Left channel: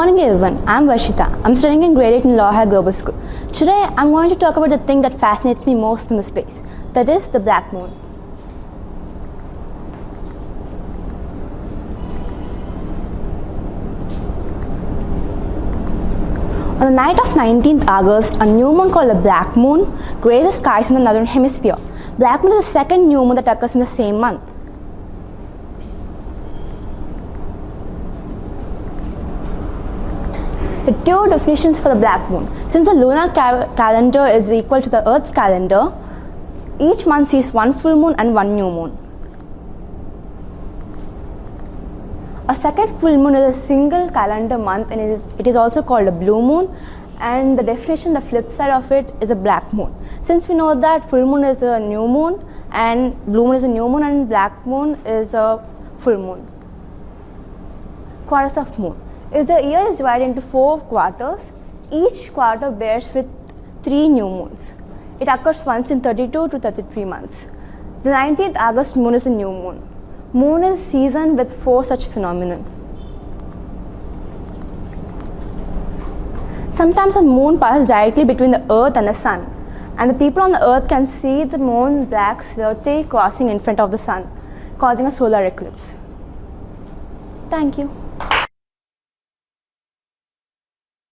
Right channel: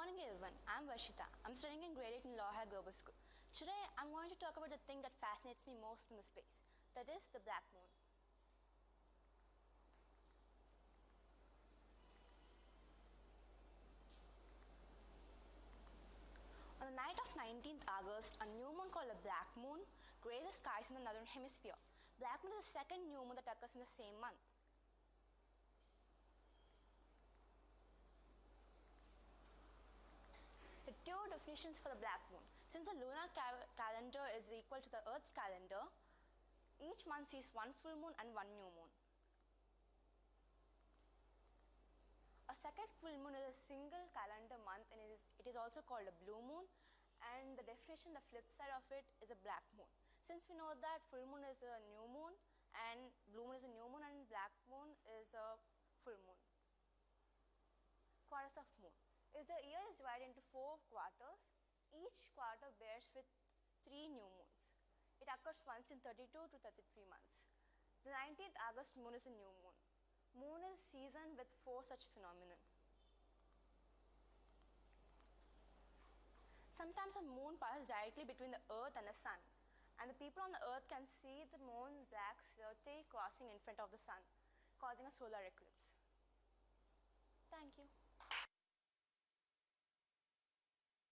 morning everyone, I'm Varshita. I'm studying in grade 8 in Laurel High Global School. Today I'm going to talk about the thing that fascinates me most in the space, that is the black moon. On the night of 19th August, a new moon called the black moon grazes the skies in the northern hemisphere. Black moon is the second new moon that occurs in the same month. The two definitions for the black moon. Since the lunar calendar is equal to the Earth's calendar, each month sees one full moon and one new moon. A second full moon is a single calendar month and it is also called a blue moon, and the definition, the flip side of it, is a black moon. Since we know that full moon is a new moon and blue moon is a new moon and black moon is a full moon. Quarters of moon. If the year is divided into 4 quarters, each quarter bears with 3 new moons. It occurs once in 32 to 33 months. The 19th August moon is a new moon. Moon is seasoned with 4 such phenomena. Sometimes a moon passes directly between the earth and the sun, and the people on the earth can see the moon black silhouette crossing in front of the sun, causing a solar eclipse. Thank you.